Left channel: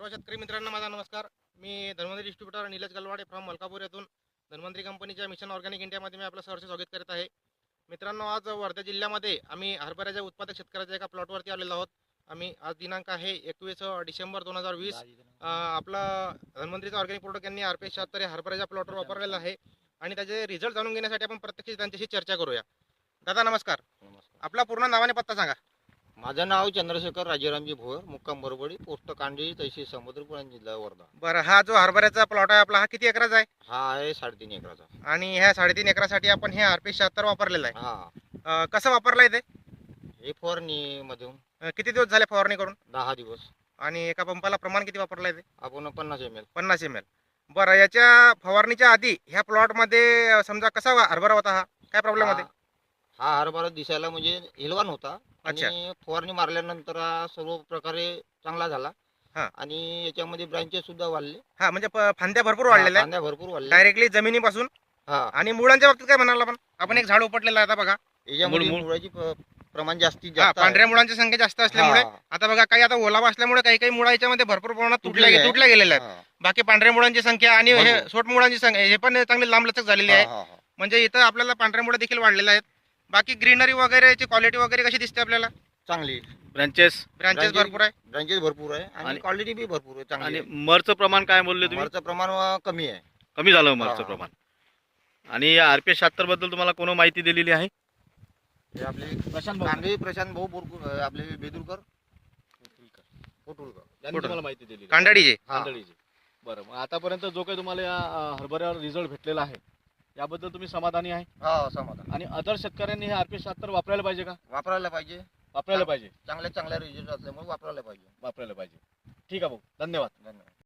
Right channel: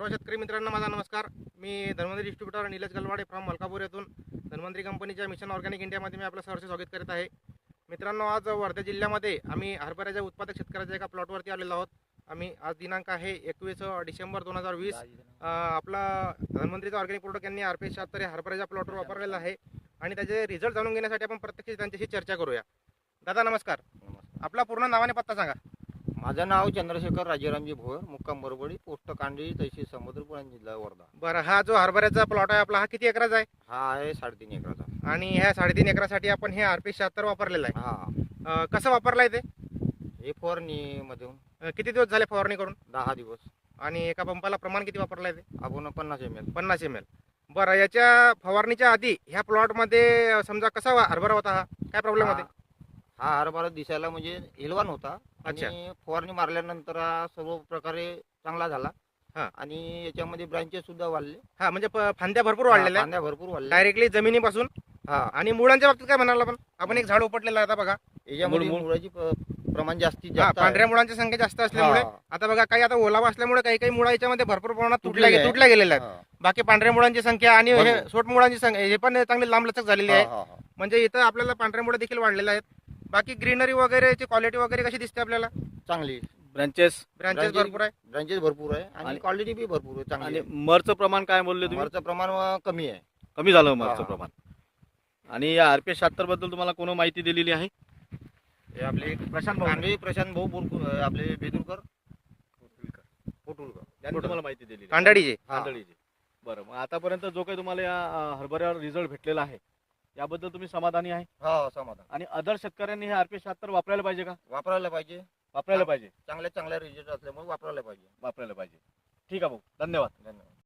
सर्व शेतकरी मित्रांना माझा नमस्कार. मी धन्वंतरी डिस्ट्रीब्युटर निलेश गलवाडे फ्रॉम मलकापूर येथून. धन्वंतरी कंपनीच्या मिशन ऑर्गॅनिक इंडियामध्ये मी आपलं सहर्ष स्वागत करत आहे. मित्रांनो आज वर्धा जिल्ह्यामध्ये आम्ही हरभऱ्याच्या उत्पादक शेतकऱ्याच्या एका प्लॉटवरती आलेलो आहोत. आम्ही आज दिनांक आहे एकवीस डिसेंबर दोन हजार वीस. आपला धन्वंतरीचा ऑर्गॅनिक प्रोडक्ट यांनी आर पी शहात्तर या हरभऱ्याच्या प्लॉटवर वापरलेला आहे. आणि त्याचे रिझल्ट जाणून घेण्यासाठी आपण प्रत्यक्ष त्यांच्याशी चर्चा करूया. दादा नमस्कार. आपला पूर्ण नावाने पत्ता सांगा. माझं नाव चंद्रशेखर राजारामजी भोर मुक्काम बरोबरी पोस्ट कांडी तहसील समुद्रपूर जिल्हा वर्धा. बरं हा जो हरभऱ्याचा प्लॉट आहे आपला हा किती एकराचा आहे? हा आहे साडेतीन एकराचा. आणि ह्या साडेतीन एकरासाठी आपण हे आर पी शहात्तर वापरलेलं आहे. हा. अं, कसं वापरलंय ते? हे फवारणी मधून. अं, किती दिवस झाले फवारणी करून? दहा दिवस. आणि एका पंपाला प्रमाण किती वापरलंय ते? आपण पन्नास एम एल पन्नास एम एल बरं याच्या फवारणीच्या आधी ह्या प्लॉटमध्ये समजा कसा वा- हरभरा होता हा? काय प्रॉब्लेम होते? हा हरभरा दिसायला म्हणजे हिलवान होता. अच्छा. आणि फवारणी मारल्यानंतर हा सर्व प्रकारे चांगला झाला. हा. आणि याच्यामध्ये ब्रांचेस सुद्धा वाढले. हा म्हणजे प- फांद्या भरपूर हा, वाढलेल्या फांद्या भरपूर वाढल्या. डायरेक्टली जमिनीपासून. हा. आणि मुळांच्या बाबतीत काय म्हणाल आपण? आपण एक झाड उपटलेलं आहे आता बघा. याच्यामध्ये मूळ- मुळाची प- प्रमाण जास्तीत हा, जास्त आहे. पांढऱ्या मुळांची संख्या जास्त असल्यामुळे हा, आता बघा काही आता ओलावा असल्यामुळे काही काही मुळा याच्यामध्ये भरपूर प्रमाणात तुटल्या तुटलेले आहे. तुटल्या गेलेल्या आहेत. हा, बाकी पांढऱ्या मुळांची संख्या आणि हे भरपूर. सोट मुळांची संख्या हे पण चांगली लांब लचक झालेली आहे. हा, हा, हा. म्हणजे इथं आपल्याला पांढऱ्या मुळे देखील वाढलेल्या आहेत. बाकी ग्रीनरी वगैरेची क्वालिटी वगैरे कशी दिसते आपल्याला? चांगली. ब्रँचेस ब्रांचेस भरपूर आहे. ब्रांचेस भरपूर आहे. आणि आणि- क्वालिटी बी भरपूर आहे चांगली आणि आहे. मरचं प्रमाण काय बोलले तुम्ही? मालचं प्रमाण अं, कमी आहे. कमी झालं मरचं हा. प्रमाण. आणि या आर पी शहात्तरबद्दल तुम्हाला कोण माहिती दिलेली आहे? हे आपले प्रशांत कांबळे प्रशांत भाऊ बोरकू अं, आपले बेदुरकर. पोटुलकर त्यांनी कुठं? तुम्हाला माहिती दिली हा. कांदळीची बरं मग आतापर्यंत जो काही तुम्हाला या अं, हरभऱ्यावर रिझल्ट भेटलेला आहे याबद्दल तुम्ही समाधानी आहे? हा समाधान. आणि अदर शेतकऱ्यांनी हे आर पी शहात्तर वापरायला पाहिजे का? वापरायला पाहिजे. वापरायला पाहिजे. चांगल्या चांगल्या रिझल्ट असल्यामुळे वापरायला पाहिजे. वापरायला पाहिजे. ठीक आहे भाऊ. धन्यवाद. धन्यवाद.